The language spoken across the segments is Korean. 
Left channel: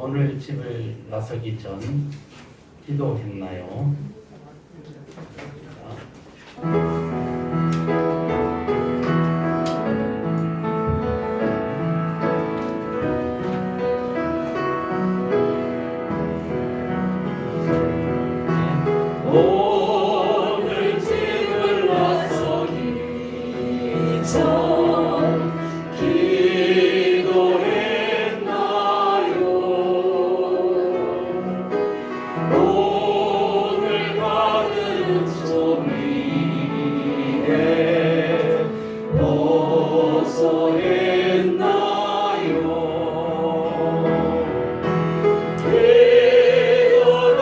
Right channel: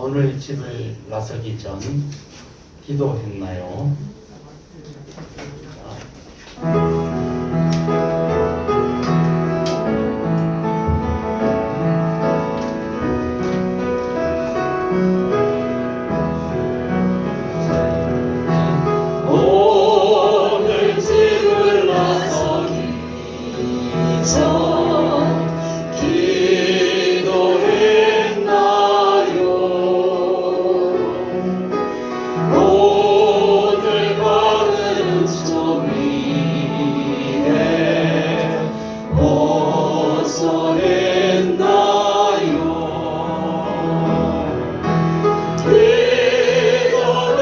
오늘 집을 나서기 전 기도했나요? 오늘 집을 나서기 전 오늘 가는 저 위에 어서 했나요? 이거는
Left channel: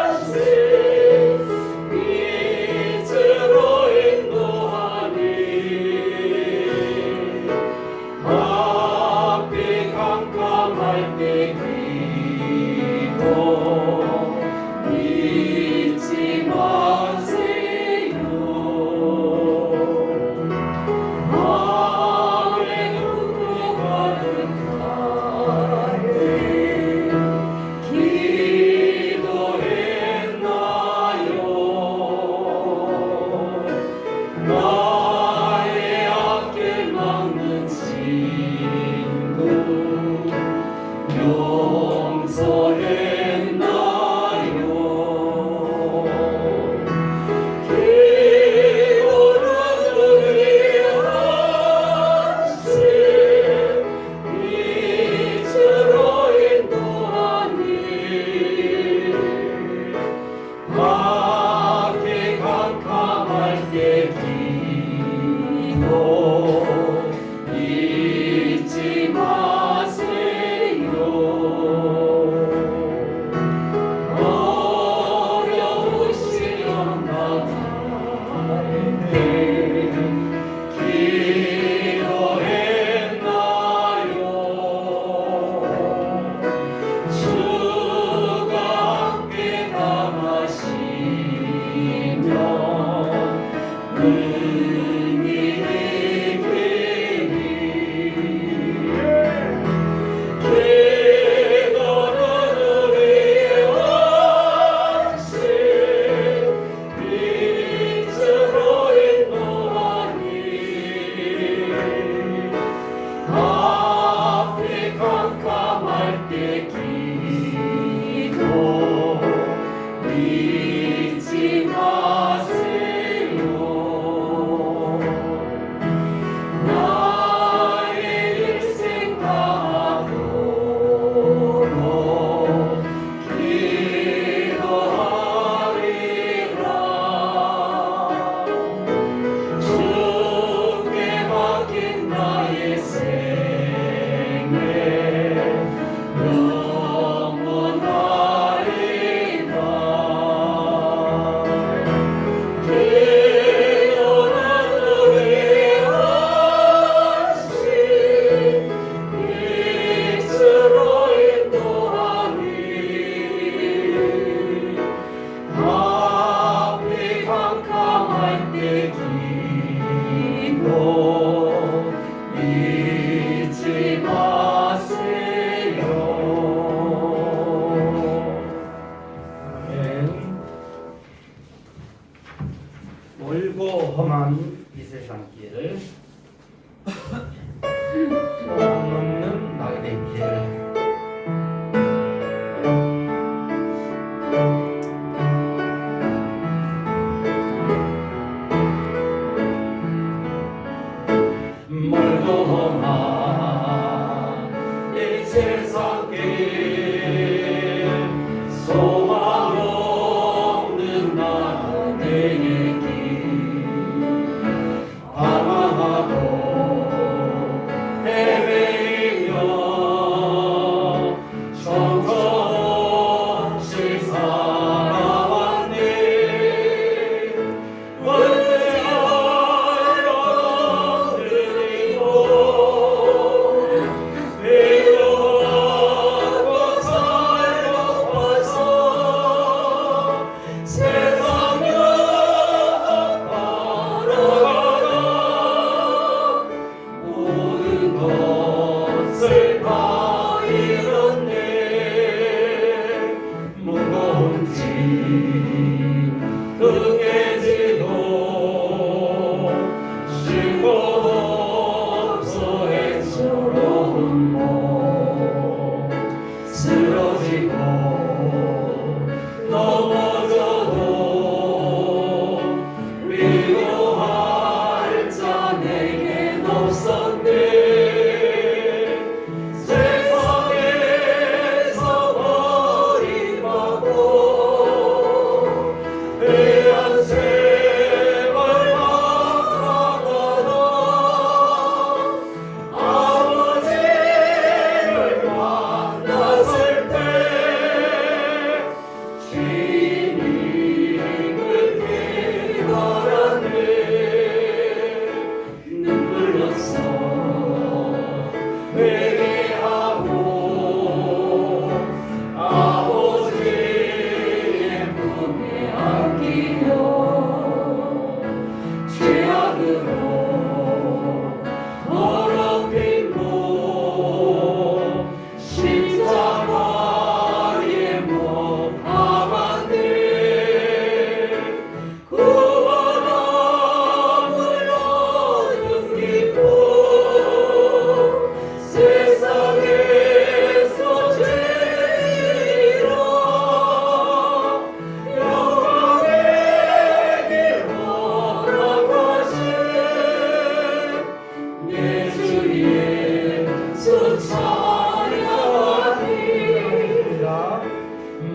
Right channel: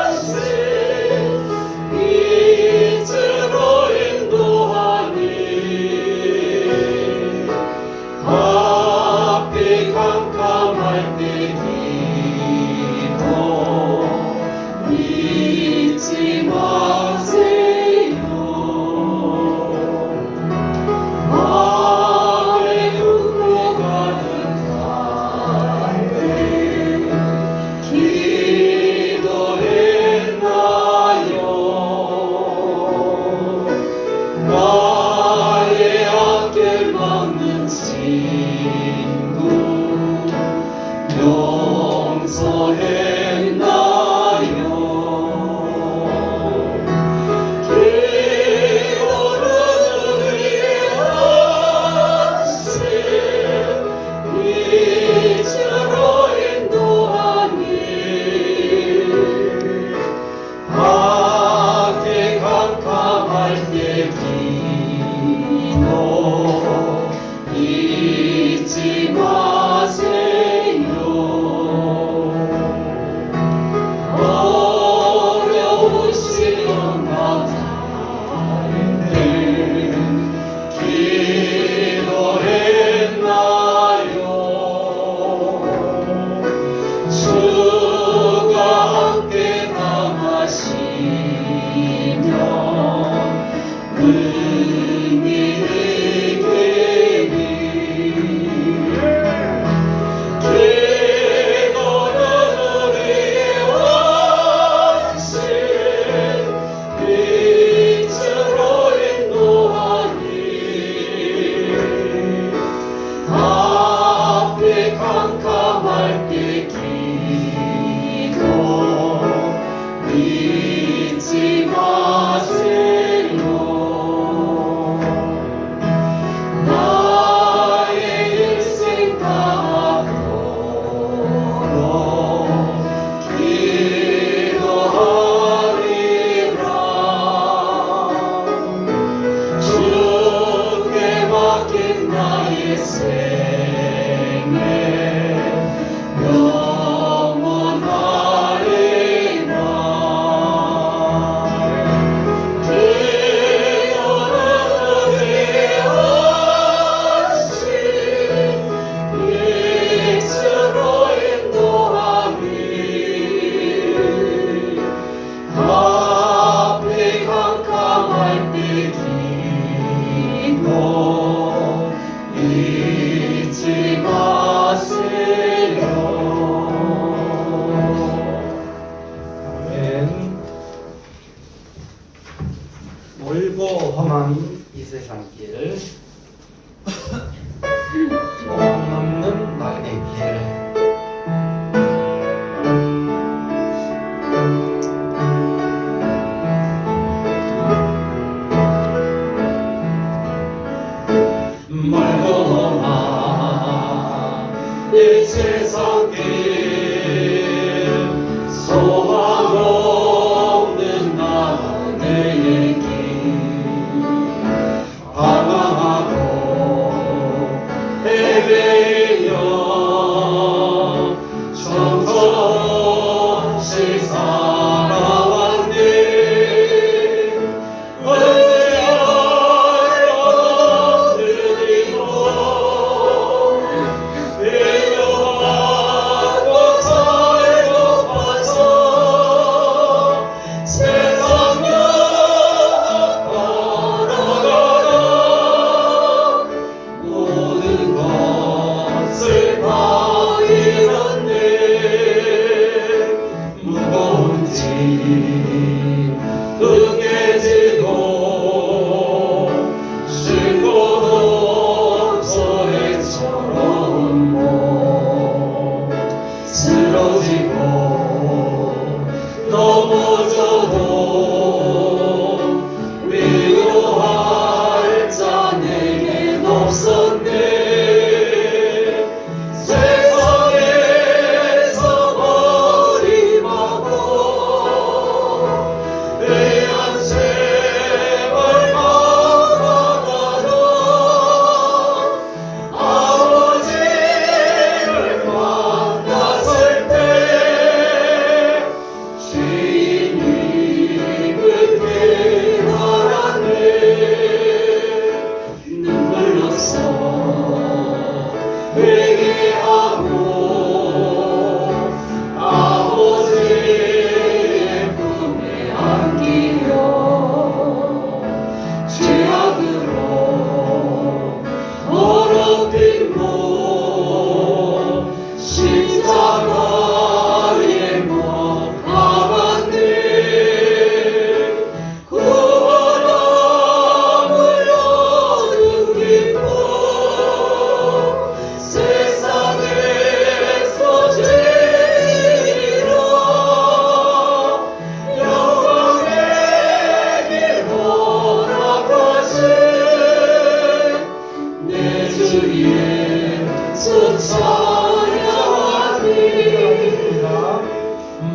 안식 이제로 인도하니 앞이 캄캄할 때 잊지 마세요. 마음에 눈고 가는 갈때 기도했나요? 나의 앞길 막는 친구 용서했나요? 잊지 마세요. 어려우시면 나타내 기도했나요? 주가 함께 담아시면 잊지 마세요. 나의 일생 다하도록 기도하리라. 주께 맡긴 나의 생애 잊지 마세요. 아멘. 멀고 험한 이 세상길, 소망 없는 나그네 길, 멀고 험한 이 세상길 소망 없는 나그네의 길 방황하고 헤매여 정성없이 살아왔네. 외로웠고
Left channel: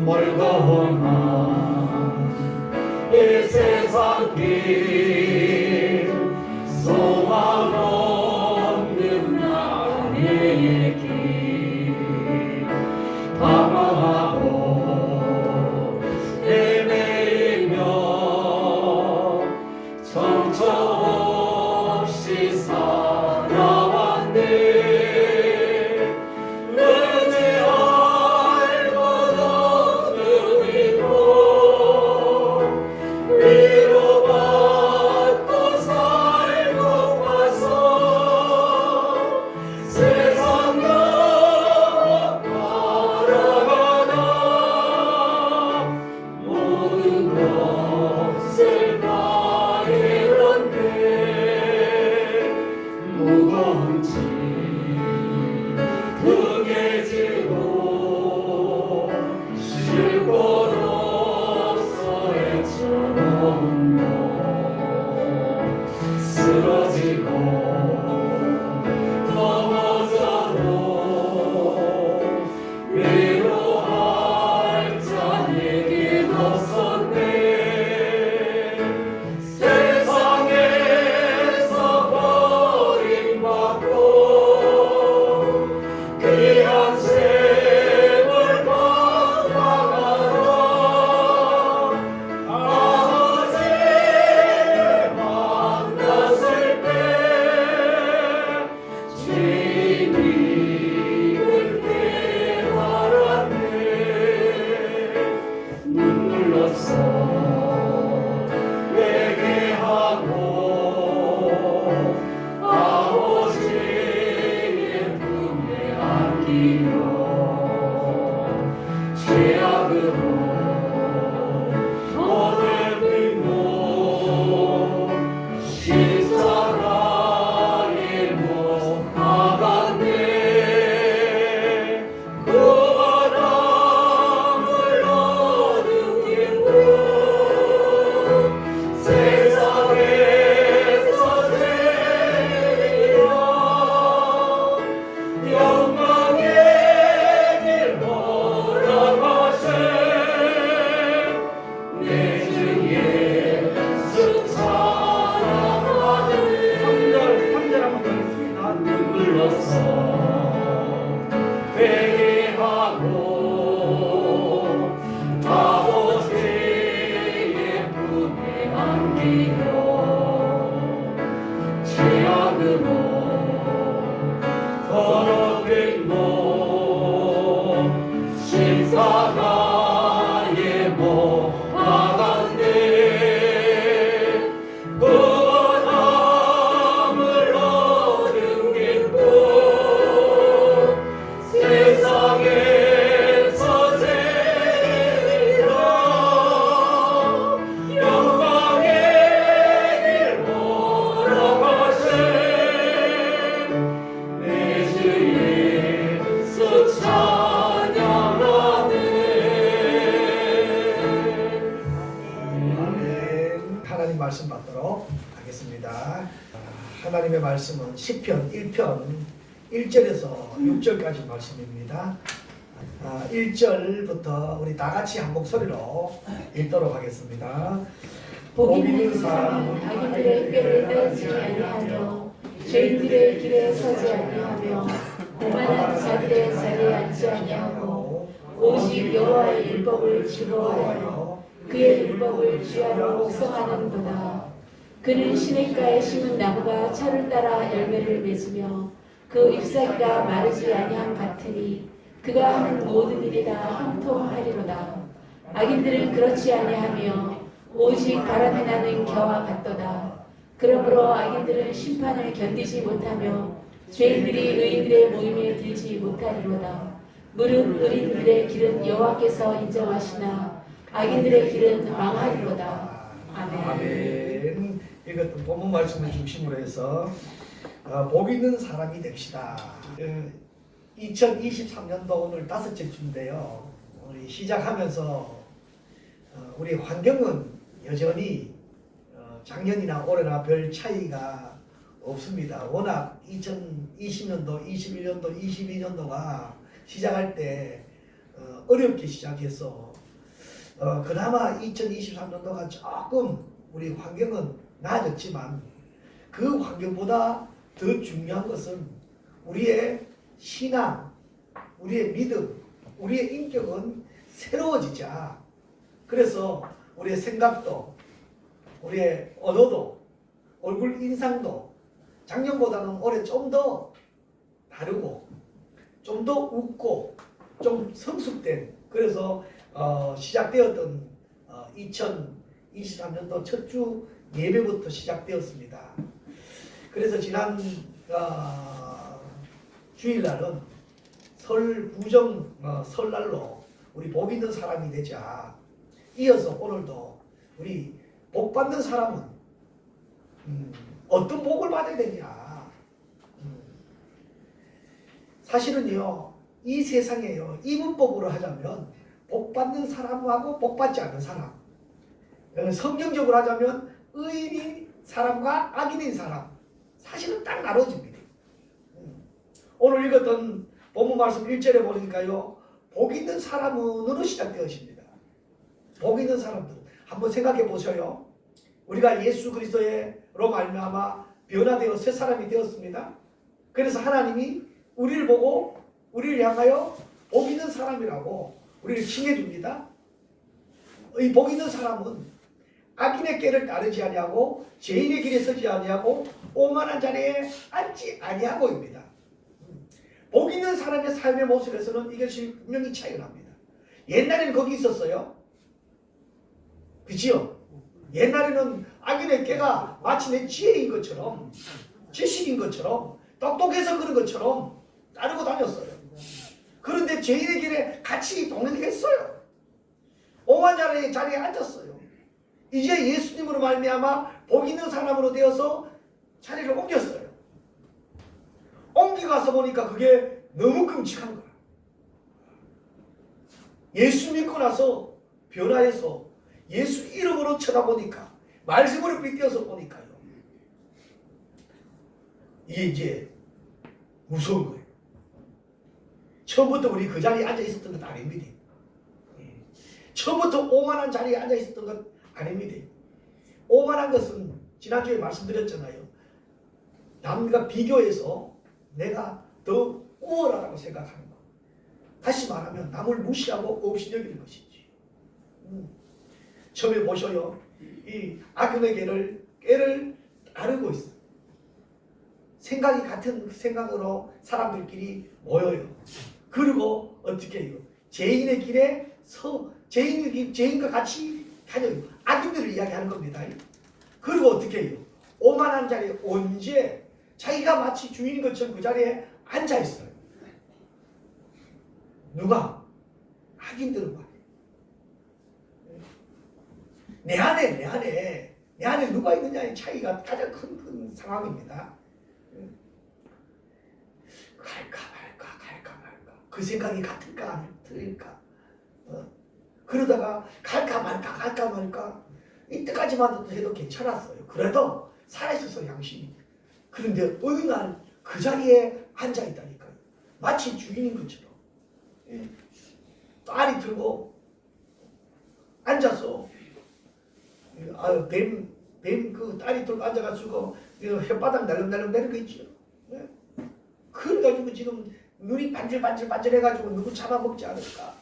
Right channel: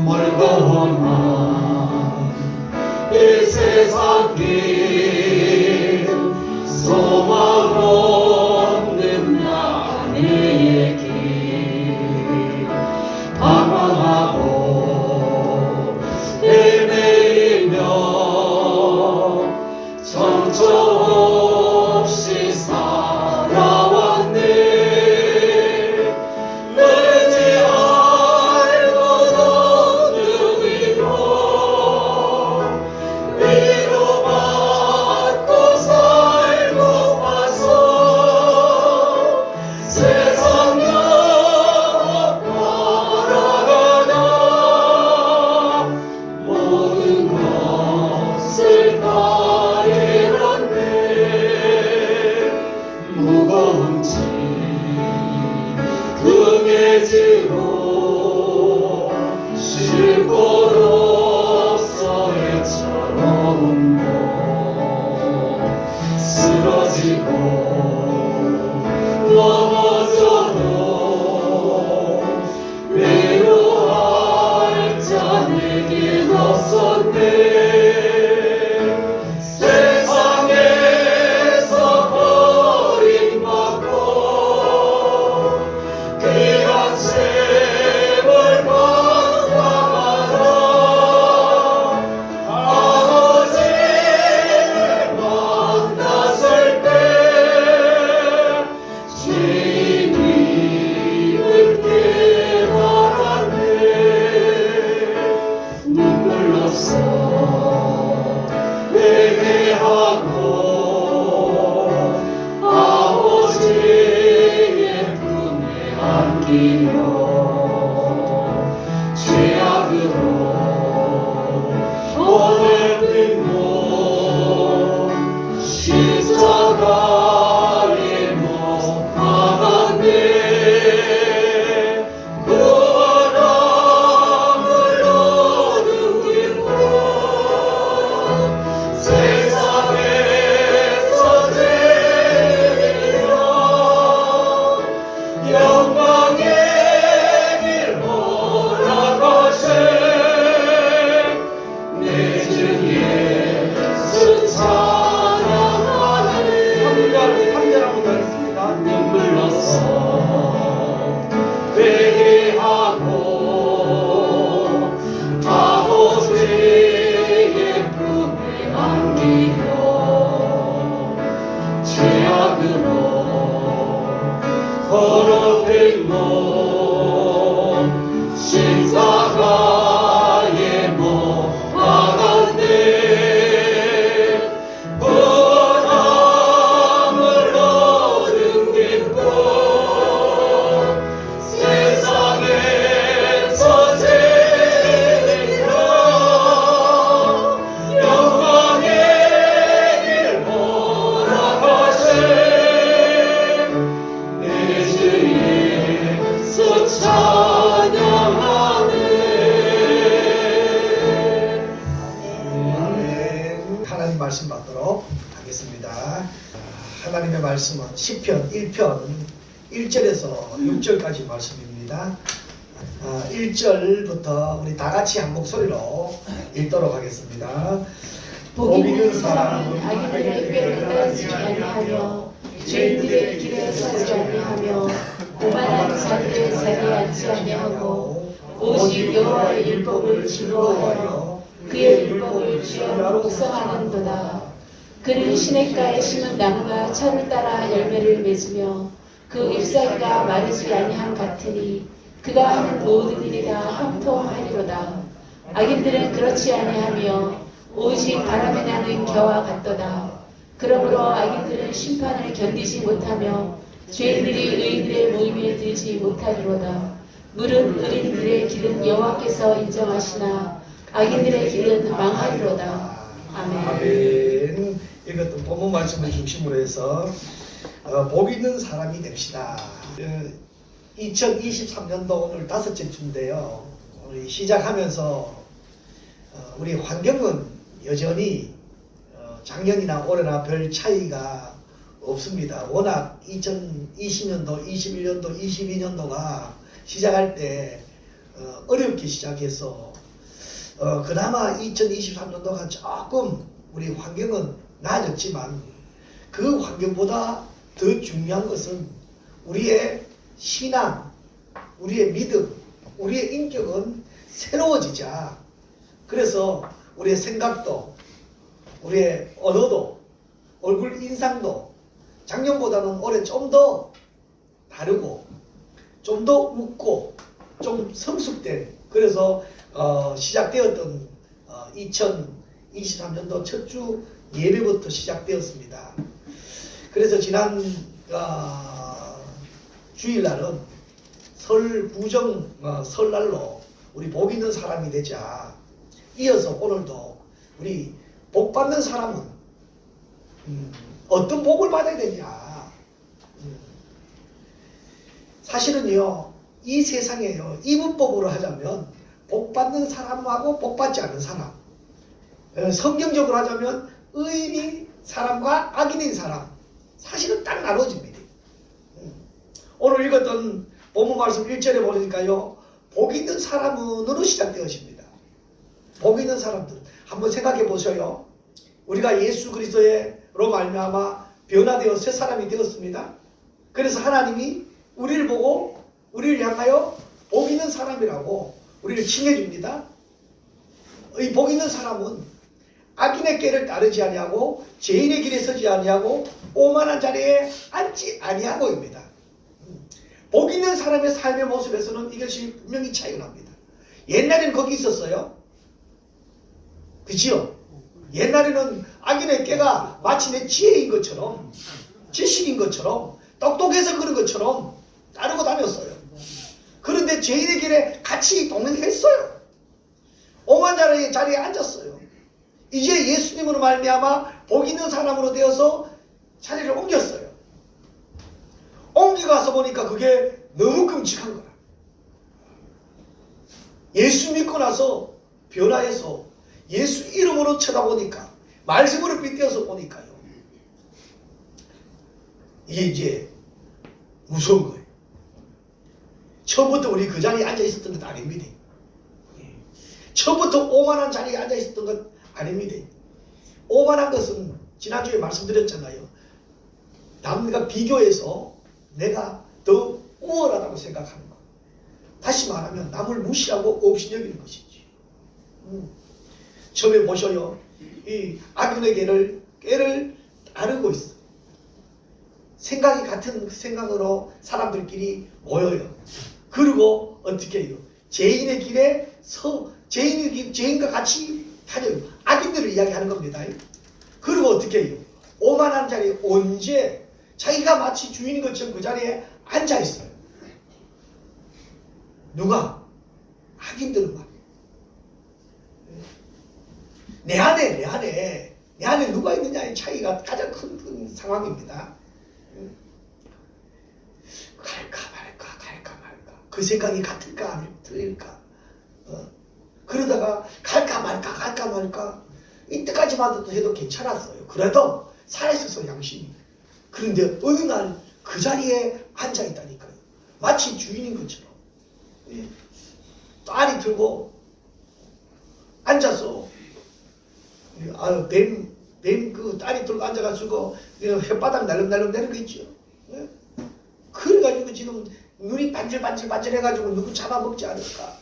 멀고만 이 세상 길 소망 없는 나의 길 방황하고 헤매이며 정처 없이 살아왔네. 의지할 것 없는 이곳 위로받고 살고 와서 세상 영원 바라가다 모든 것을 다 잃었네. 무거운 짐 등에 지고 쉴 곳 없어 헤쳐놓은 곳 쓰러지고 넘어져도 위로할 자 내겐 없었네. 세상에서 버림받고 귀한 셈을 감당하라. 아버지를 만났을 때 주님을 깨달았네. 눈물로써 회개하고 아버지의 품에 안기며 죄악으로 더럽힌 몸 십자가에 못 박았네. 구원함을 얻은 기쁨 세상에서 제일이라 영광의 길 허락하신 내 주 예수 찬양하네. 3절 한번 하겠습니다. 눈물로써 회개하고 아버지의 품에 안기며 죄악으로 더럽힌 몸 십자가에 못 박았네. 구원함을 얻은 기쁨 세상에서 제일이라 영광의 길 허락하신 내 주 예수 찬양하네. 아멘. 하나님 말씀 받도록 하겠습니다. 하나님의 말씀은 시편 1편 1절에서 6절까지 말씀입니다. 1절부터 우리 다 같이 한 목소리로 읽도록 하겠습니다. 복 있는 사람은 악인들의 꾀를 따르지 아니하며 죄인들의 길에 서지 아니하며 오만한 자들의 자리에 앉지 아니하고 오직 여호와의 율법을 즐거워하여 그의 율법을 주야로 묵상하는도다. 그는 시냇가에 심은 나무가 철을 따라 열매를 맺으며 그 잎사귀가 마르지 아니함 같으니 그가 하는 모든 일이 다 형통하리로다. 악인들은 그렇지 아니하며 오직 바람에 나는 겨와 같도다. 그러므로 악인들은 심판을 견디지 못하며 죄인들이 의인들의 모임에 들지 못하리로다. 물은 의인들의 길은 여호와께서 인정하시나 악인들의 길은 망하리로다. 아멘. 아멘. 이것도 본문 말씀을 중심으로 해서 복 있는 사람이 됩시다. 2023년도 오늘 5째 주인데요. 우리 시작하면서 우리 환경은 여전히 작년이나 올해나 별 차이가 없습니다. 워낙 2020년도, 21년도, 22년도가 시작할 때 어렵게 시작해서 그나마 2023년도가 조금 우리 환경은 나아졌지만 그 환경보다 더 중요한 것은 우리의 신앙, 우리의 믿음, 우리의 인격은 새로워지자. 그래서 우리의 생각도, 우리의 언어도, 얼굴 인상도 작년보다는 올해 좀 더 다르고 좀 더 웃고 좀 성숙된, 그래서 시작되었던 2023년도 첫 주 예배부터 시작되었습니다. 그래서 지난 주일날은 설날로 우리 복 있는 사람이 되자. 이어서 오늘도 우리 복 받는 사람은 어떤 복을 받아야 되냐. 사실은요, 이 세상에요, 이분법으로 하자면 복 받는 사람하고 복 받지 않는 사람, 성경적으로 하자면 의인인 사람과 악인인 사람, 사실은 딱 나눠집니다. 오늘 읽었던 본문 말씀 1절에 보니까요, 복 있는 사람으로 시작되었습니다. 복 있는 사람들 한번 생각해 보셔요. 우리가 예수 그리스도로 말미암아 변화되어 새 사람이 되었습니다. 그래서 하나님이 우리를 보고 우리를 향하여 복 있는 사람이라고 우리를 칭해줍니다. 이 복 있는 사람은 악인의 길을 따르지 아니하고 죄인의 길에 서지 아니하고 오만한 자리에 앉지 아니하고입니다. 복 있는 사람의 삶의 모습에서는 이것이 분명히 차이가 납니다. 옛날에는 거기 있었어요. 그치요? 옛날에는 악인의 꾀가 마치 내 지혜인 것처럼, 지식인 것처럼, 똑똑해서 그런 것처럼 따르고 다녔어요. 그런데 죄인의 길에 같이 동행했어요. 오만한 자리에 앉았어요. 이제 예수님으로 말미암아 복 있는 사람으로 되어서 자리를 옮겼어요. 옮겨가서 보니까 그게 너무 끔찍한 거야. 예수 믿고 나서 변화해서 예수 이름으로 쳐다보니까, 말씀으로 빗대어서 보니까요, 이게 이제 무서운 거예요. 처음부터 우리 그 자리에 앉아 있었던 것 아닙니다. 처음부터 오만한 자리에 앉아 있었던 것 아닙니다. 오만한 것은 지난주에 말씀드렸잖아요. 남과 비교해서 내가 더 우월하다고 생각하는 것. 다시 말하면 남을 무시하고 없이 여기는 것이지. 처음에 보셔요. 이 악인의 꾀를 따르고 있어. 생각이 같은 생각으로 사람들끼리 모여요. 그리고 어떻게 해요? 죄인의 길에 죄인과 같이 다녀요. 악인들을 이야기하는 겁니다. 그리고 어떻게 해요? 오만한 자리에 언제 자기가 마치 주인인 것처럼 그 자리에 앉아 있어요. 누가? 악인들만. 내 안에 누가 있느냐의 차이가 가장 큰 상황입니다. 갈까 말까 그 생각이 같을까 아닐까. 그러다가 갈까 말까 이때까지만 해도 괜찮았어요. 그래도 살아있어서 양심이. 그런데 어느 날 그 자리에 앉아있다니까요. 마치 주인인 것처럼. 딸이 들고 앉아서 뱀 그 딸이 들고 앉아가지고 혓바닥 날름날름 내는 거 있죠. 그래가지고 지금 눈이 반질반질해가지고 누구 잡아먹지 않을까?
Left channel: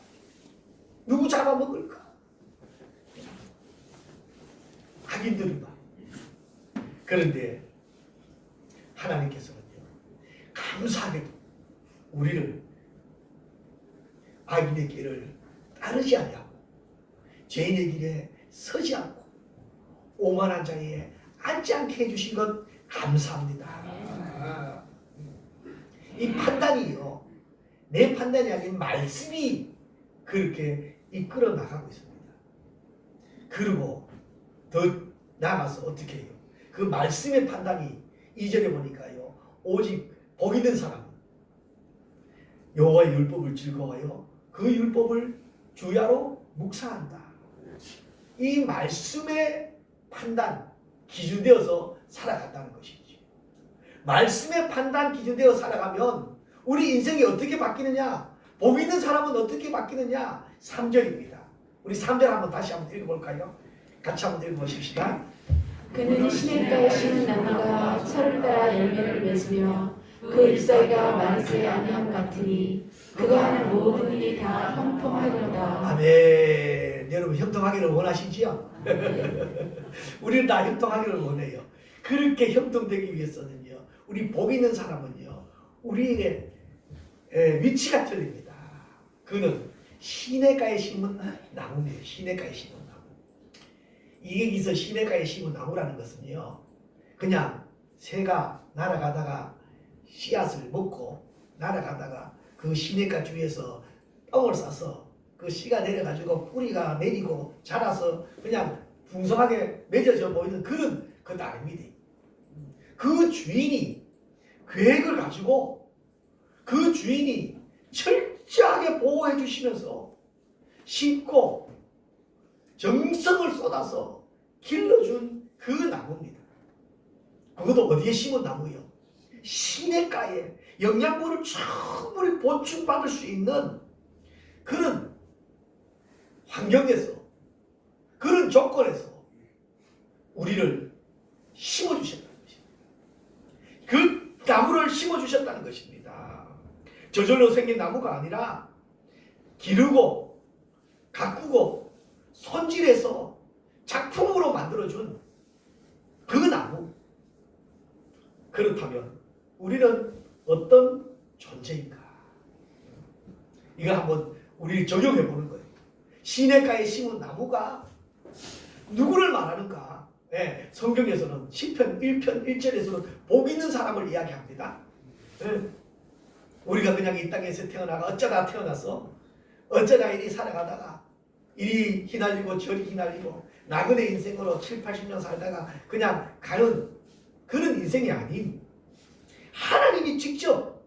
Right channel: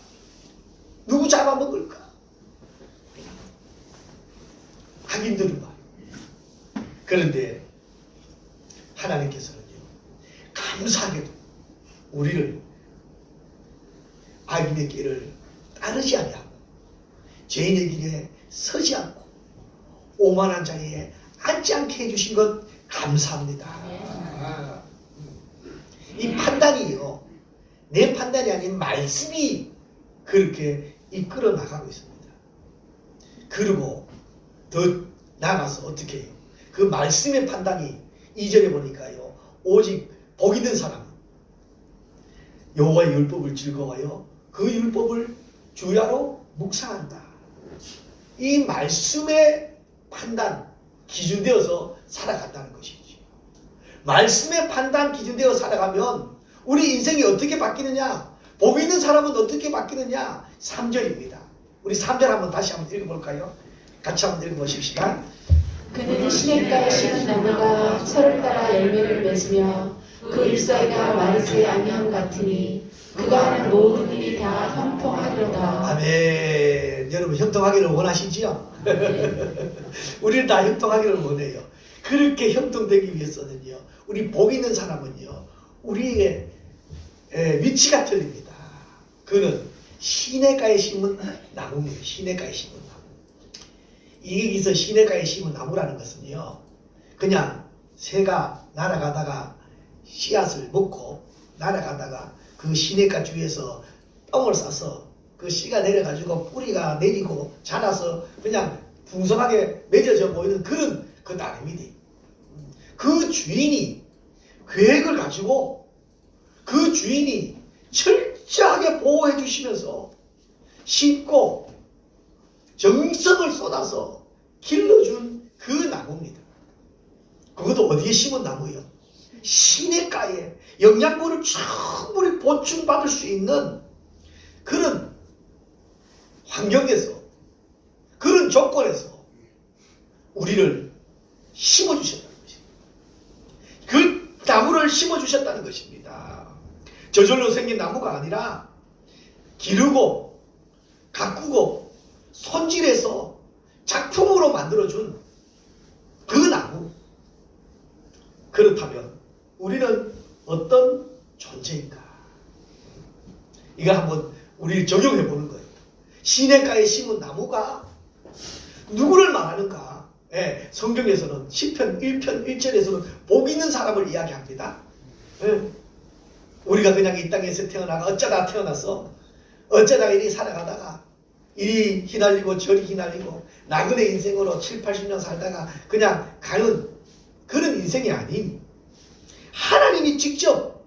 누구 잡아먹을까? 악인들은 말. 그런데 하나님께서는요, 감사하게도 우리를 악인의 길을 따르지 아니하고 죄인의 길에 서지 않고 오만한 자리에 앉지 않게 해주신 것 감사합니다. 이 판단이요, 내 판단이 아닌 말씀이 그렇게 이끌어 나가고 있습니다. 그리고 더 나아가서 어떻게 해요? 그 말씀의 판단이 2절에 보니까요, 오직 복 있는 사람, 여호와의 율법을 즐거워하여 그 율법을 주야로 묵상한다. 이 말씀의 판단, 기준되어서 살아간다는 것이지. 말씀의 판단 기준되어 살아가면 우리 인생이 어떻게 바뀌느냐? 복 있는 사람은 어떻게 바뀌느냐? 3절입니다. 우리 3절 한번 다시 한번 읽어볼까요? 같이 한번 읽어보십시다. 그는 시냇가에 심은 나무가 철을 따라 열매를 맺으며 그 잎사귀가 마르지 아니함 같으니 그가 하는 모든 일이 다 형통하리로다. 아멘. 여러분 형통하기를 원하시지요? 우리는 다 형통하기를 원해요. 그렇게 형통되기 위해서는요, 우리 복 있는 사람은요, 우리의 위치가 틀립니다. 그는 시냇가에 심은 나무입니다. 시냇가에 심은 나무. 여기서 시냇가에 심은 나무라는 것은요, 그냥 새가 날아가다가 씨앗을 먹고 날아가다가 그 시냇가 주위에서 똥을 싸서 그 씨가 내려가지고 뿌리가 내리고 자라서 그냥 풍성하게 맺어져 보이는 그런 것 아닙니다. 그 주인이 계획을 가지고 그 주인이 철저하게 보호해 주시면서 심고 정성을 쏟아서 길러준 그 나무입니다. 그것도 어디에 심은 나무예요? 시냇가에 영양분을 충분히 보충받을 수 있는 그런 환경에서, 그런 조건에서 우리를 심어주셨다는 것입니다. 그 나무를 심어주셨다는 것입니다. 저절로 생긴 나무가 아니라 기르고 가꾸고 손질해서 작품으로 만들어준 그 나무. 그렇다면 우리는 어떤 존재인가? 이거 한번 우리 적용해 보는 거예요. 시냇가에 심은 나무가 누구를 말하는가? 예, 성경에서는 시편 1편 1절에서는 복 있는 사람을 이야기합니다. 예, 우리가 그냥 이 땅에서 태어나가 어쩌다 태어났어. 어쩌다 이리 살아가다가 이리 휘날리고 저리 휘날리고 나그네 인생으로 7, 80년 살다가 그냥 가는 그런 인생이 아닌, 하나님이 직접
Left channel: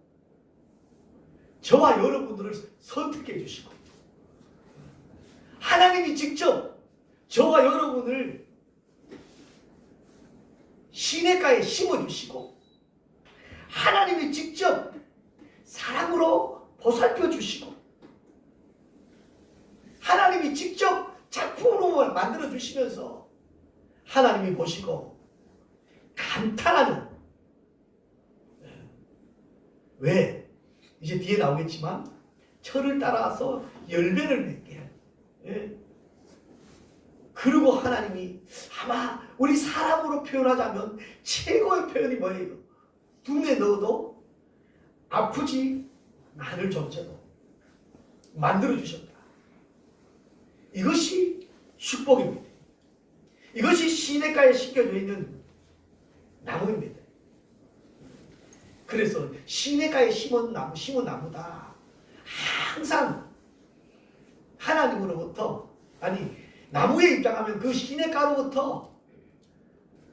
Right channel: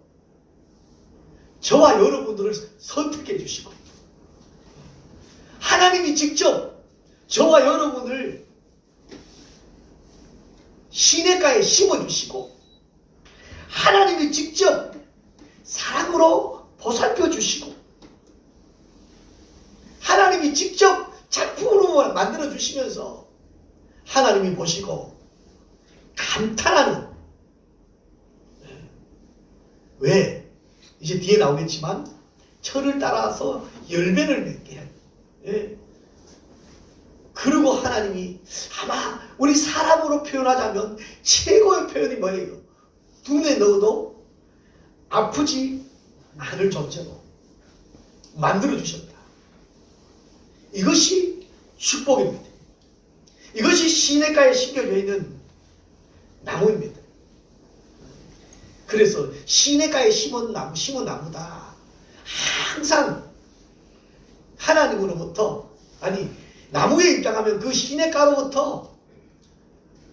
저와 여러분들을 선택해 주시고 하나님이 직접 저와 여러분을 시냇가에 심어주시고 하나님이 직접 사랑으로 보살펴 주시고 하나님이 직접 작품으로 만들어 주시면서 하나님이 보시고 감탄하는, 왜? 이제 뒤에 나오겠지만 철을 따라서 열매를 맺게 해. 예. 그리고 하나님이 아마 우리 사람으로 표현하자면 최고의 표현이 뭐예요? 눈에 넣어도 아프지 않을 존재로 만들어 주셨다. 이것이 축복입니다. 이것이 시냇가에 심겨져 있는 나무입니다. 그래서 시냇가에 심은 나무다. 항상 하나님으로부터, 아니 나무에 입장하면 그 시냇가로부터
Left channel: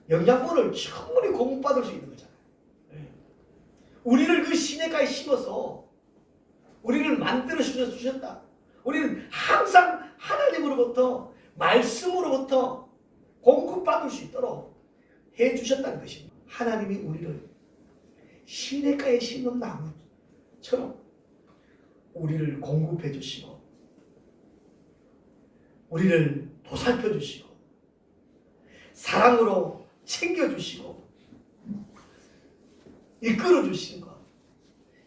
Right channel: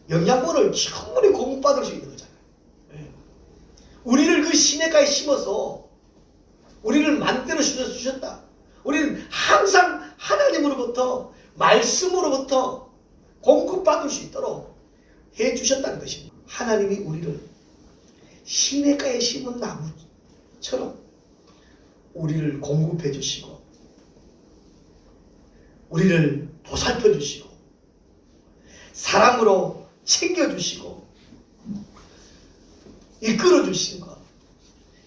영양분을 충분히 공급받을 수 있는 거잖아요. 우리를 그 시냇가에 심어서 우리를 만들어 주셨다. 우리는 항상 하나님으로부터, 말씀으로부터 공급받을 수 있도록 해주셨다는 것입니다. 하나님이 우리를 시냇가에 심은 나무처럼 우리를 공급해 주시고 우리를 보살펴 주시고 사랑으로 챙겨 주시고 이끌어 주신 것,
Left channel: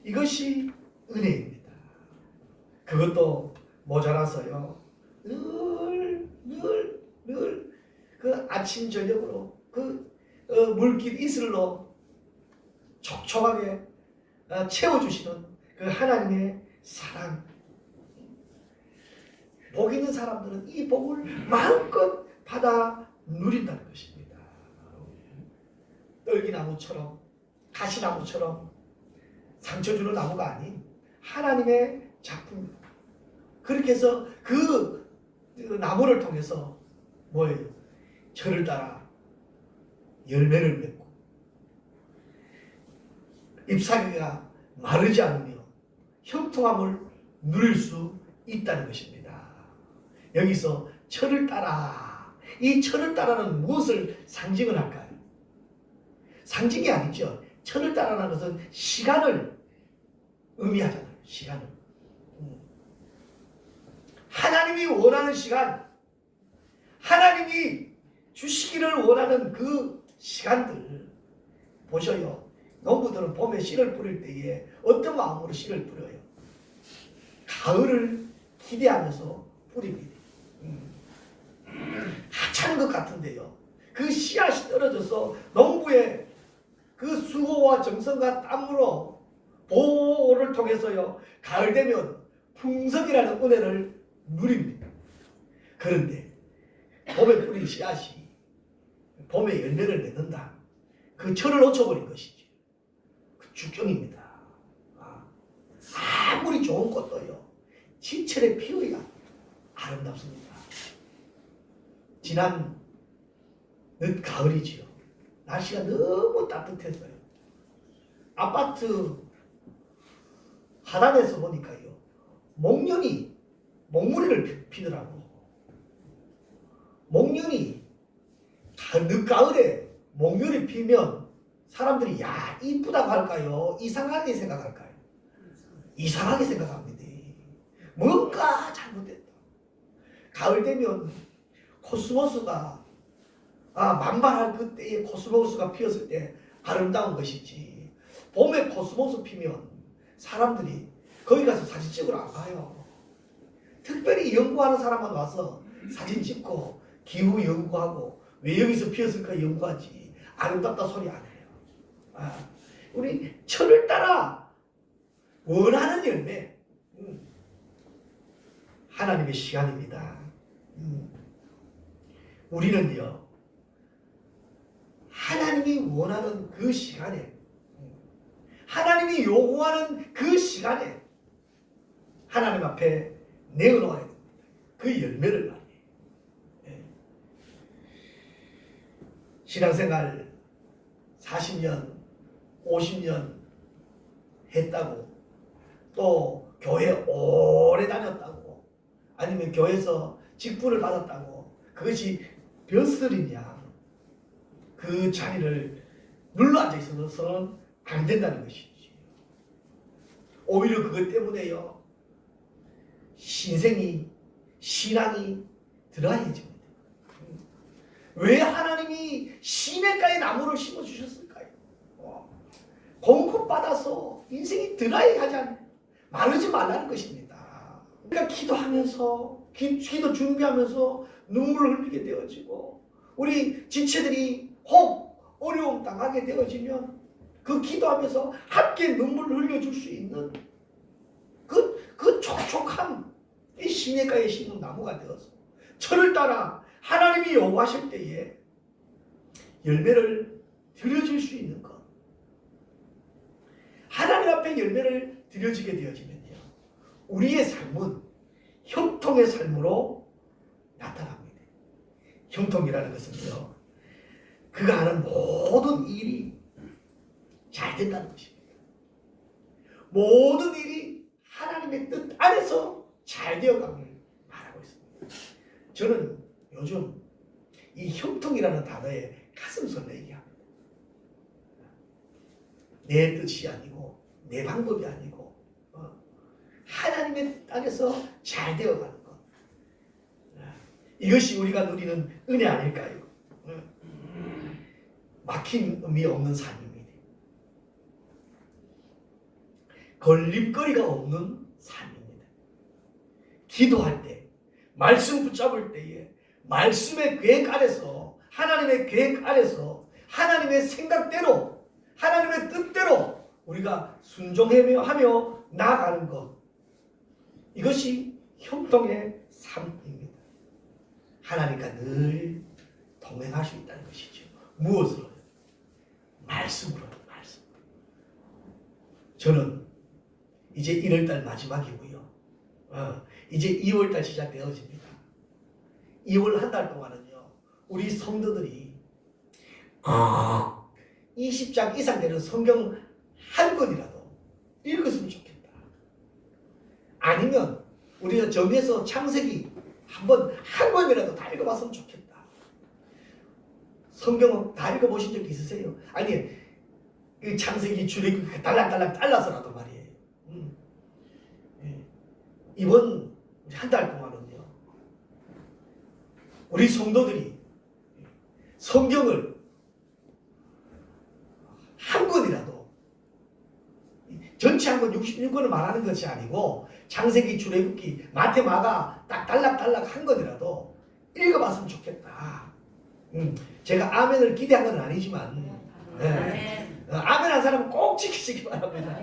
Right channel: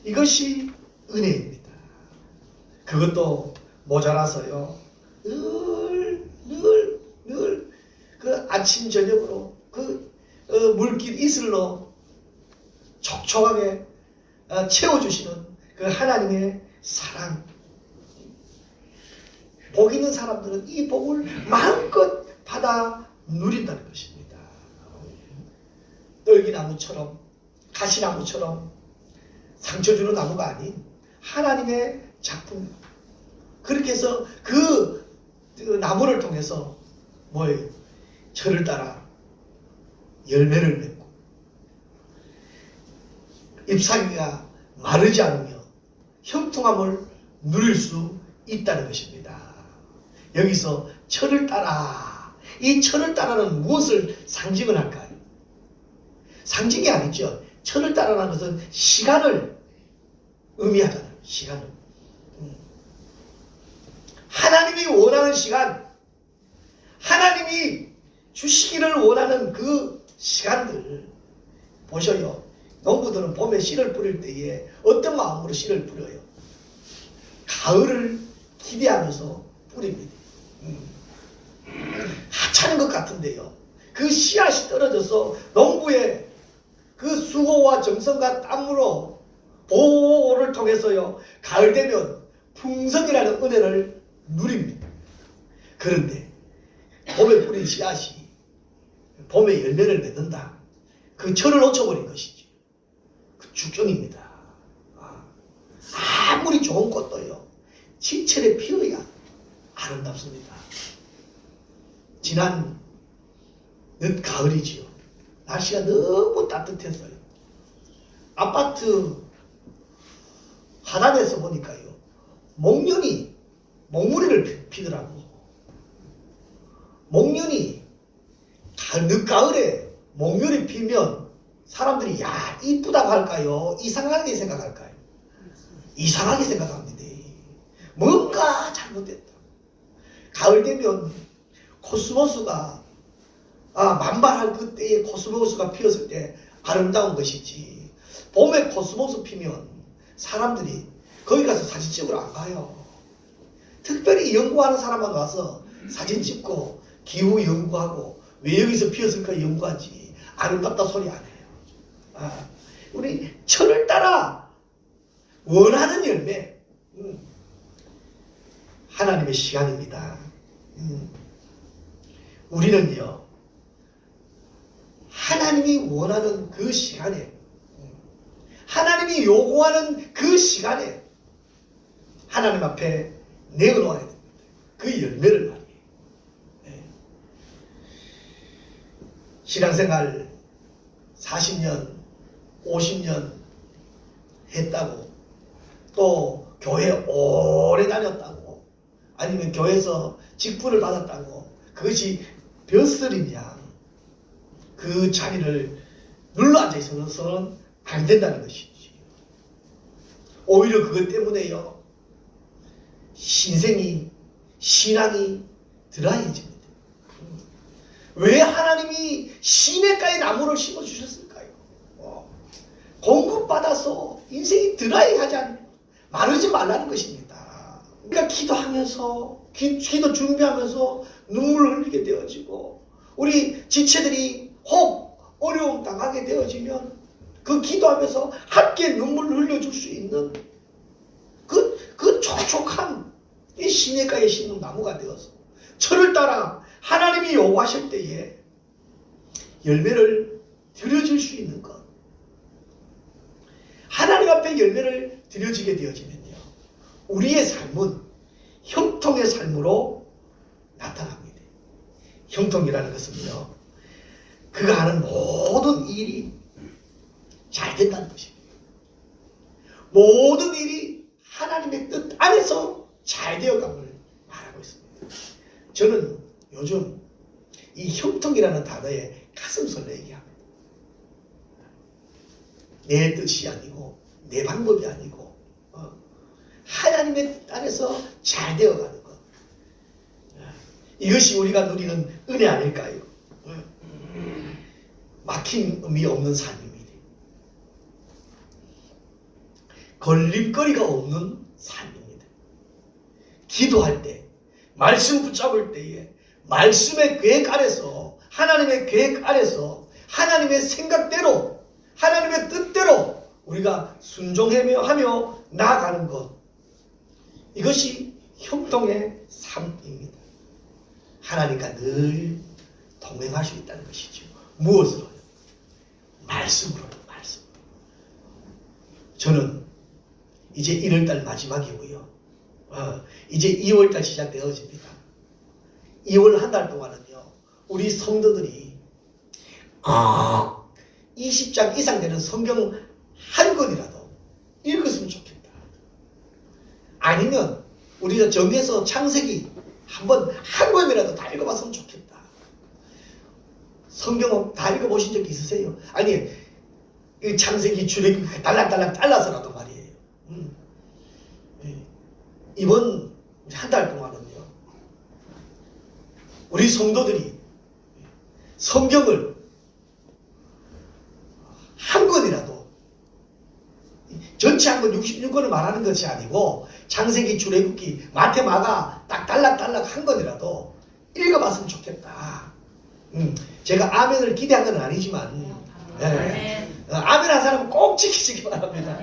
이것이 은혜입니다. 그것도 모자라서요, 늘 그 아침 저녁으로 그 물길 이슬로 촉촉하게 채워주시는 그 하나님의 사랑. 복 있는 사람들은 이 복을 마음껏 받아 누린다는 것입니다. 떨기나무처럼 가시나무처럼 상처 주는 나무가 아닌 하나님의 작품. 그렇게 해서 그 나무를 통해서 뭐예요? 철을 따라 열매를 맺고 잎사귀가 마르지 않으며 형통함을 누릴 수 있다는 것입니다. 여기서 철을 따라, 이 철을 따라는 무엇을 상징을 할까요? 상징이 아니죠. 철을 따라라는 것은 시간을 의미하잖아요. 시간을. 하나님이 원하는 시간, 하나님이 주시기를 원하는 그 시간들 보셔요. 농부들은 봄에 씨를 뿌릴 때에 어떤 마음으로 씨를 뿌려요? 가을을 기대하면서 뿌립니다. 하찮은 것 같은데요. 그 씨앗이 떨어져서 농부의 그 수고와 정성과 땀으로 보호를 통해서요. 가을 되면 풍성이라는 은혜를 누립니다. 그런데 봄에 뿌린 씨앗이 봄에 열매를 맺는다. 그 철을 놓쳐버린 것이죠. 그 축정입니다. 아무리 좋은 꽃도요. 지철에 피어야 아름답습니다. 지난 늦가을이지요. 날씨가 너무 따뜻했어요. 아파트 하단에서 보니까요. 목련이 목무리를 피더라고. 목련이 늦가을에 목련이 피면 사람들이 야 이쁘다고 할까요? 이상하게 생각할까요? 이상하게 생각합니다. 뭔가 잘못됐다. 가을 되면 코스모스가 만발할 그때에 코스모스가 피었을 때 아름다운 것이지. 봄에 코스모스 피면 사람들이 거기 가서 사진 찍으러 안 가요. 특별히 연구하는 사람만 와서 사진 찍고 기후 연구하고 왜 여기서 피었을까 연구하지. 아름답다 소리 안 해요. 우리 철을 따라 원하는 열매. 하나님의 시간입니다. 우리는요. 하나님이 원하는 그 시간에 하나님이 요구하는 그 시간에 하나님 앞에 내어놓아야 됩니다. 그 열매를 말이에요. 신앙생활 40년, 50년 했다고 또 교회 오래 다녔다고 아니면 교회에서 직분을 받았다고 그것이 벼슬이냐 그 자리를 눌러앉아 있어서는 안 된다는 것이지. 오히려 그것 때문에요. 신앙이 드라이해집니다. 왜 하나님이 시냇가에 나무를 심어주셨을까요? 공급받아서 인생이 드라이하지 않고 마르지 말라는 것입니다. 그러니까 기도하면서 기도 준비하면서 눈물을 흘리게 되어지고 우리 지체들이 혹 어려움 당하게 되어지면 그 기도하면서 함께 눈물을 흘려줄 수 있는 그 촉촉한 이 시냇가에 심는 나무가 되어서 철을 따라 하나님이 요구하실 때에 열매를 드려질 수 있는 것. 하나님 앞에 열매를 드려지게 되어지면요. 우리의 삶은 형통의 삶으로 나타납니다. 형통이라는 것은요. 그가 하는 모든 일이 잘 된다는 것입니다. 모든 일이 하나님의 뜻 안에서 잘 되어감을 말하고 있습니다. 저는 요즘 이 형통이라는 단어에 가슴 설레게 합니다. 내 뜻이 아니고 내 방법이 아니고 하나님의 뜻 안에서 잘 되어가는 것. 이것이 우리가 누리는 은혜 아닐까요? 막힘이 없는 삶입니다. 걸림거리가 없는 삶입니다. 기도할 때, 말씀 붙잡을 때에 말씀의 계획 아래서 하나님의 계획 아래서 하나님의 생각대로 하나님의 뜻대로 우리가 순종하며 나아가는 것. 이것이 형통의 삶입니다. 하나님과 늘 동행할 수 있다는 것이죠. 무엇으로? 말씀으로. 말씀. 저는 이제 1월달 마지막이고요. 이제 2월달 시작되어집니다. 2월 한 달 동안은요. 우리 성도들이 20장 이상 되는 성경 한 권이라도 읽었으면 좋겠다. 아니면 우리가 정해서 창세기 한 권이라도 다 읽어봤으면 좋겠다. 성경 다 읽어보신 적 있으세요? 아니 이 창세기 출애굽기 달락달락 잘라서라도 말이에요. 예. 이번 한 달 동안은요, 우리 성도들이 성경을 한 권이라도, 전체 한 권 66권을 말하는 것이 아니고 창세기 출애굽기 마태 마가 딱 달락달락 한 권이라도 읽어봤으면 좋겠다. 제가 아멘을 기대한 건 아니지만 아멘 한 사람은 꼭 지키시기 바랍니다.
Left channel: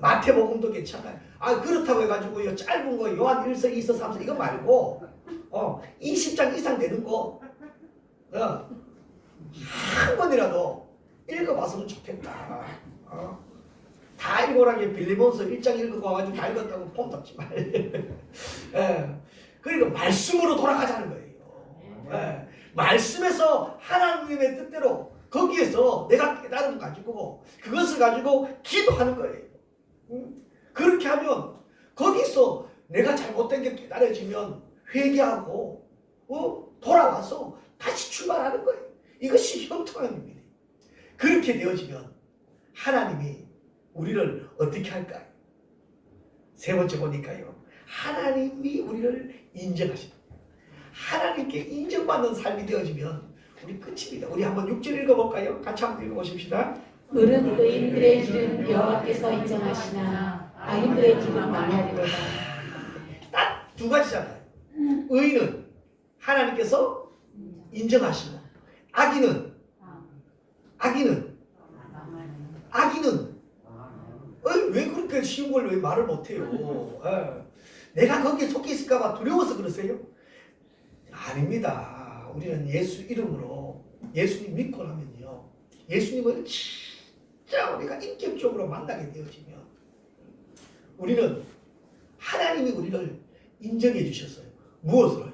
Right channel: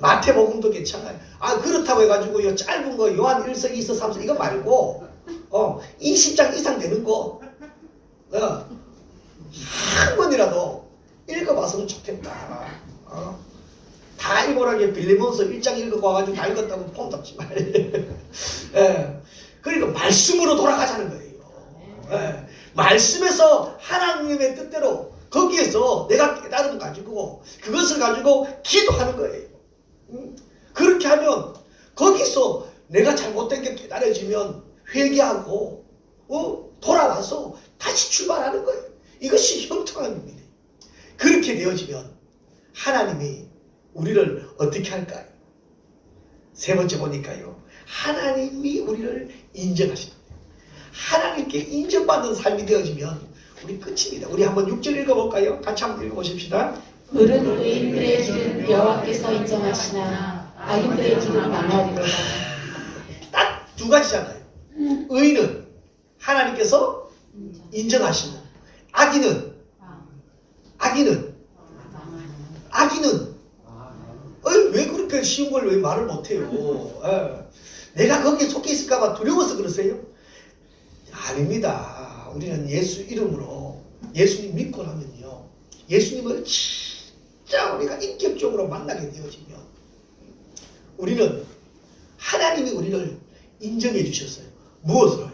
마태복음도 괜찮아요. 그렇다고 해가지고 짧은 거 요한 1서 2서 3서 이거 말고 20장 이상 되는 거 한 권이라도 읽어봤으면 좋겠다. 다 읽어라게 빌리몬서 1장 읽고 와가지고 다 읽었다고 폼 잡지 말고 그러니까 말씀으로 돌아가자는 거예요. 말씀에서 하나님의 뜻대로 거기에서 내가 깨달음 가지고 그것을 가지고 기도하는 거예요. 그렇게 하면 거기서 내가 잘못된 게 깨달아지면 회개하고 돌아와서 다시 출발하는 거예요. 이것이 형통함입니다. 그렇게 되어지면 하나님이 우리를 어떻게 할까요? 세 번째 보니까요, 하나님이 우리를 인정하십니다. 하나님께 인정받는 삶이 되어지면 우리 끝입니다. 우리 한번 6절 읽어볼까요? 같이 한번 읽어보십시다. 을은 의인들의 길은 여호와께서 인정하시나 악인들의 길은 망하리로다. 딱 두 가지잖아요. 의인은 하나님께서 인정하시고, 악인은 왜 그렇게 쉬운 걸 왜 말을 못해요? 내가 거기에 속해 있을까봐 두려워서 그러세요? 아닙니다. 우리는 예수 이름으로 예수님 믿고 나면요, 예수님을 진짜 우리가 인격적으로 만나게 되어지면 우리는 하나님이 우리를 인정해 주셨어요. 무엇으로요?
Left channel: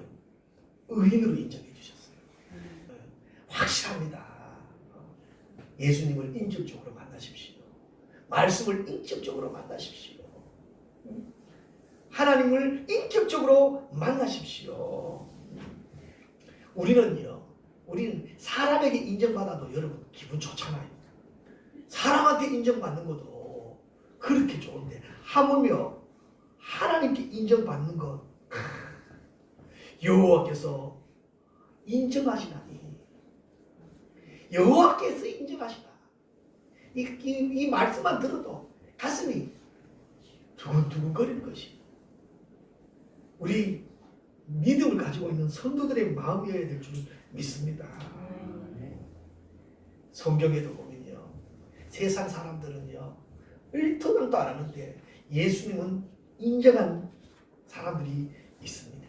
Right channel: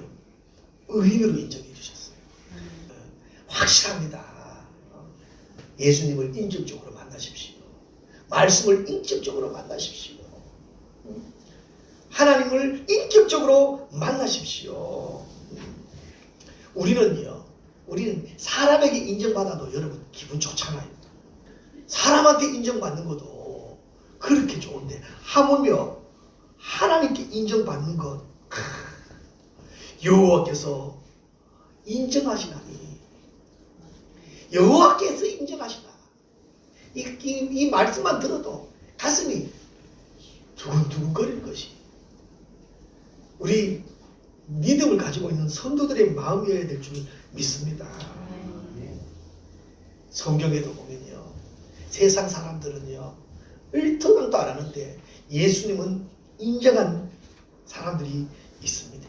의인으로 인정해 주셨어요. 확실합니다. 예수님을 인격적으로 만나십시오. 말씀을 인격적으로 만나십시오. 하나님을 인격적으로 만나십시오. 우리는 사람에게 인정받아도 여러분 기분 좋잖아요. 사람한테 인정받는 것도 그렇게 좋은데 하물며 하나님께 인정받는 것, 여호와께서 인정하시나니, 여호와께서 인정하시나, 이 말씀만 들어도 가슴이 두근두근거릴 것이 우리 믿음을 가지고 있는 성도들의 마음이어야 될 줄 믿습니다. 성경에도 보면요, 세상 사람들은요 일토당도 안 하는데 예수님은 인정한 사람들이 있습니다.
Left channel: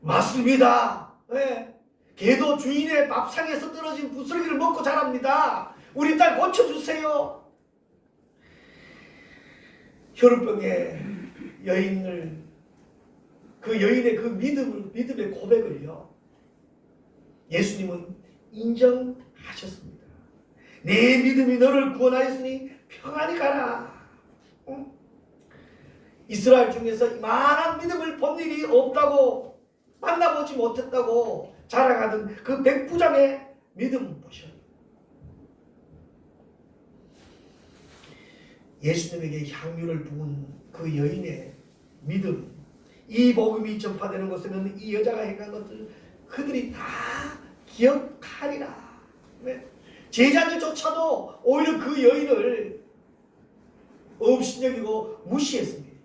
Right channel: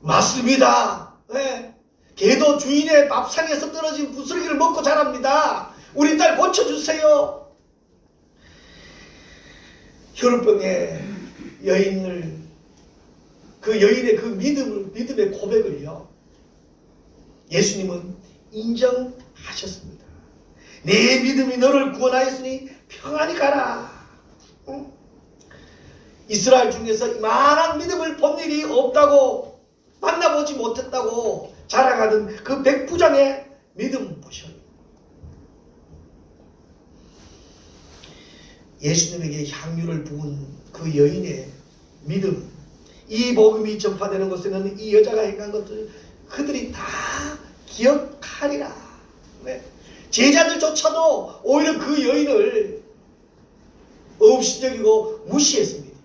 맞습니다. 개도 주인의 밥상에서 떨어진 부스러기를 먹고 자랍니다. 우리 딸 고쳐주세요. 혈우병의 여인을, 그 여인의 그 믿음의 고백을요, 예수님은 인정하셨습니다. 내 믿음이 너를 구원하였으니 평안히 가라. 이스라엘 중에서 이만한 믿음을 본 일이 없다고, 만나보지 못했다고 자랑하던 그 백부장의 믿음 보셔요. 예수님에게 향유를 부은 그 여인의 믿음, 이 복음이 전파되는 곳에는 이 여자가 행한 것들 그들이 다 기억하리라. 제자들조차도 오히려 그 여인을 업신여기고 무시했습니다.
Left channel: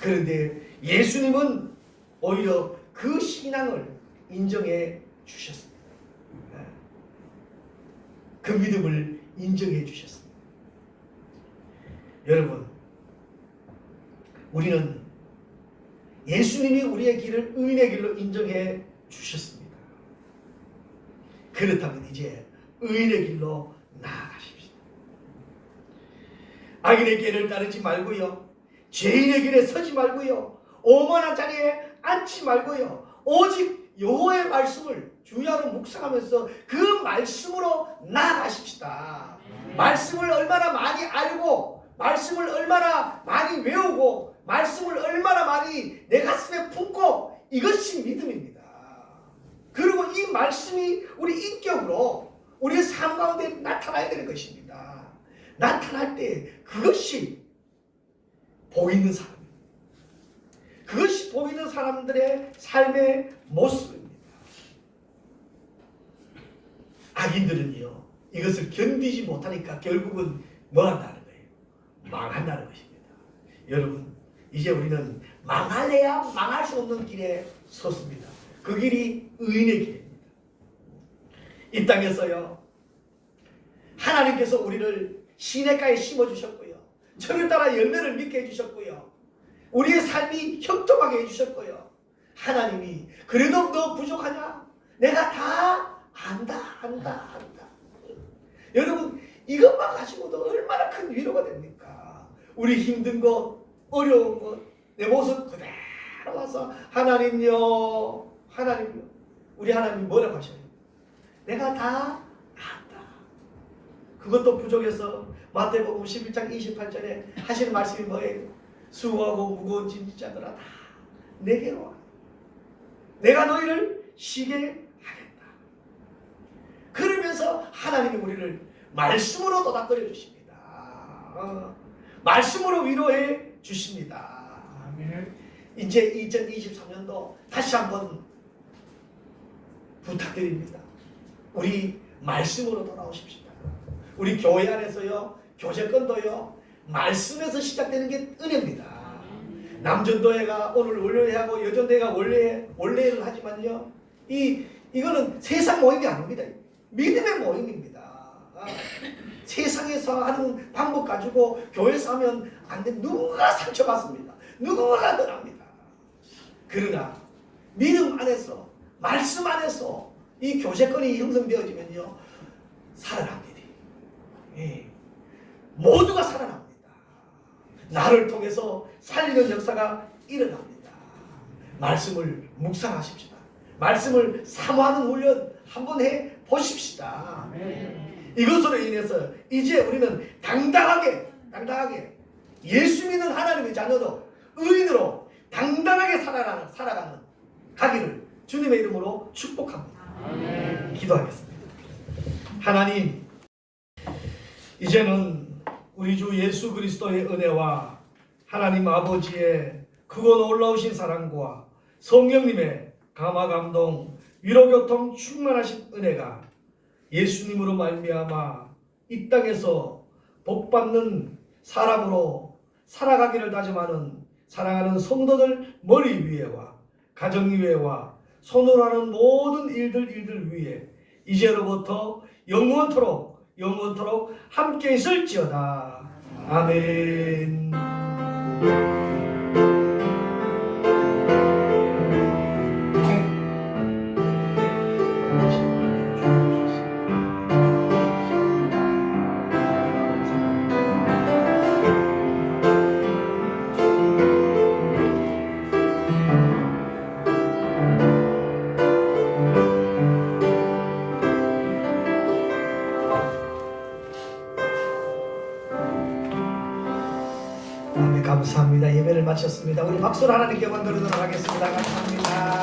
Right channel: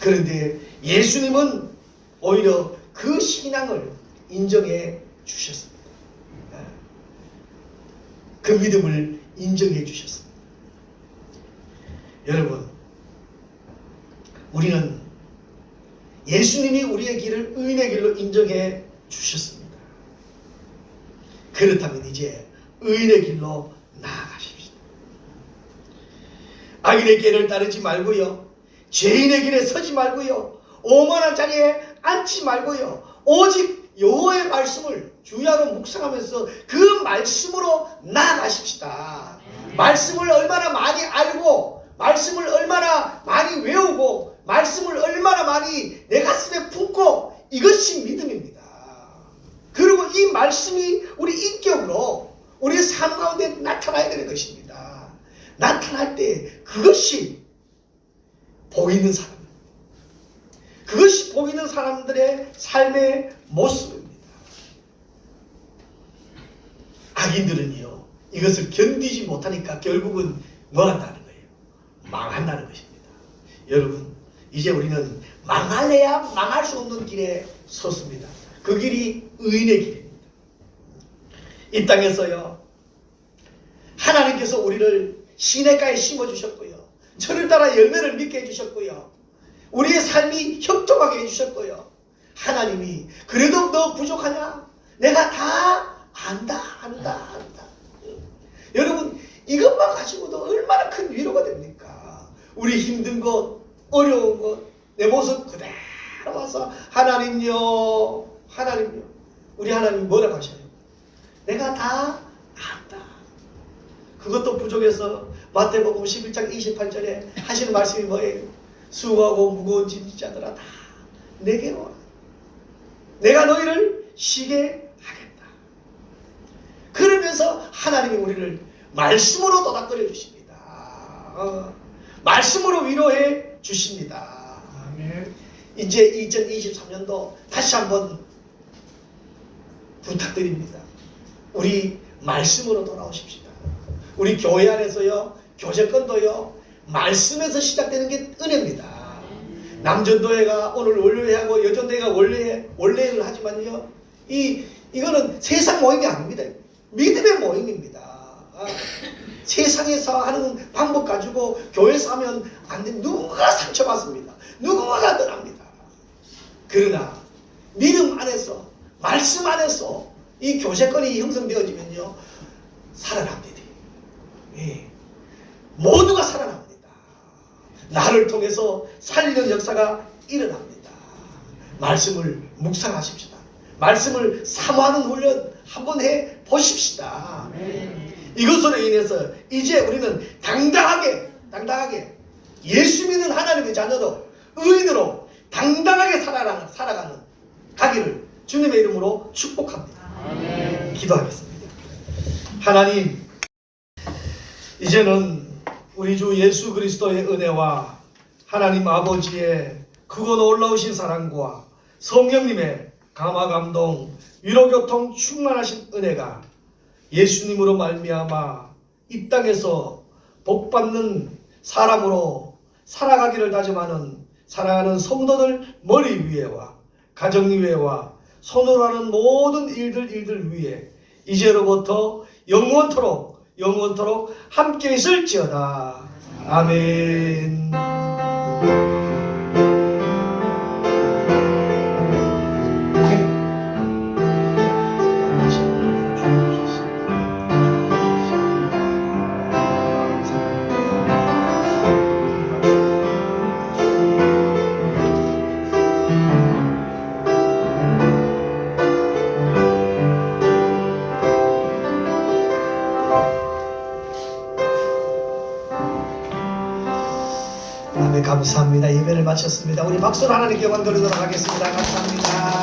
그런데 예수님은 오히려 그 신앙을 인정해 주셨습니다. 그 믿음을 인정해 주셨습니다. 여러분, 우리는 예수님이 우리의 길을 의인의 길로 인정해 주셨습니다. 그렇다면 이제 의인의 길로 나아가십시오. 악인의 길을 따르지 말고요, 죄인의 길에 서지 말고요, 오만한 자리에 앉지 말고요, 오직 여호와의 말씀을 주야로 묵상하면서 그 말씀으로 나아가십시다. 말씀을 얼마나 많이 알고, 말씀을 얼마나 많이 외우고, 말씀을 얼마나 많이 내 가슴에 품고, 이것이 믿음입니다. 그리고 이 말씀이 우리 인격으로 우리의 삶 가운데 나타나야 되는 것입니다. 나타날 때 그것이 보이는 사람, 그것이 보이는 사람들의 삶의 모습입니다. 악인들은요, 이것을 견디지 못하니까 결국은 뭐 한다는 거예요? 망한다는 것입니다. 여러분, 이제 우리는 망할래야 망할 수 없는 길에 섰습니다. 그 길이 의인의 길입니다. 이 땅에서요, 하나님께서 우리를 시냇가에 심어주셨고요, 철을 따라 열매를 맺게 해주셨고요, 우리의 삶이 형통하게 해주셨고요, 하나님이 그래도 너 부족하냐? 내가 다 안다. 여러분, 이것만 가지고도 얼마나 큰 위로가 됩니까? 우리 힘든 것, 어려운 것, 내 모습 그대로 와서 하나님요, 우리 하나님이 뭐라고 하셔요? 내가 다 안다. 그것도 부족해서 마태복음 11장 28절에 하시는 말씀이 뭐예요? 수고하고 무거운 짐진 자들아 다 내게로 와. 내가 너희를 쉬게 하겠다. 그러면서 하나님이 우리를 말씀으로 도닥거려 주십니다. 말씀으로 위로해 주십니다. 아멘. 이제 2023년도 다시 한번 부탁드립니다. 우리 말씀으로 돌아오십시다. 우리 교회 안에서요, 교제권도요, 말씀에서 시작되는 게 은혜입니다. 남전도회가 오늘 월요회하고 여전도회가 원래를 하지만요, 이거는 세상 모임이 아닙니다. 믿음의 모임입니다. 세상에서 하는 방법 가지고 교회에서 하면 안 돼. 누가 상처받습니다. 누가 떠납니다. 그러나 믿음 안에서, 말씀 안에서 이 교제권이 형성되어지면요, 살아납니다. 예. 모두가 살아납니다. 나를 통해서 살리는 역사가 일어납니다. 말씀을 묵상하십시다. 말씀을 사모하는 훈련 한번 해 보십시다. 이것으로 인해서 이제 우리는 당당하게 예수 믿는 하나님의 자녀도 의인으로 당당하게 살아가는 가기를 주님의 이름으로 축복합니다. 기도하겠습니다. 하나님, 이제는 우리 주 예수 그리스도의 은혜와 하나님 아버지의 크고 놀라우신 사랑과 성령님의 감화 감동 위로교통 충만하신 은혜가 예수님으로 말미암아 이 땅에서 복받는 사람으로 살아가기를 다짐하는 사랑하는 성도들 머리 위에와 가정 위에와 손으로 하는 모든 일들 위에 이제로부터 영원토록 함께 있을지어다. 아멘. 감사합니다. 예배를 마쳤습니다. 우리 박수로 하나님께 영광 돌리도록 하겠습니다. 감사합니다.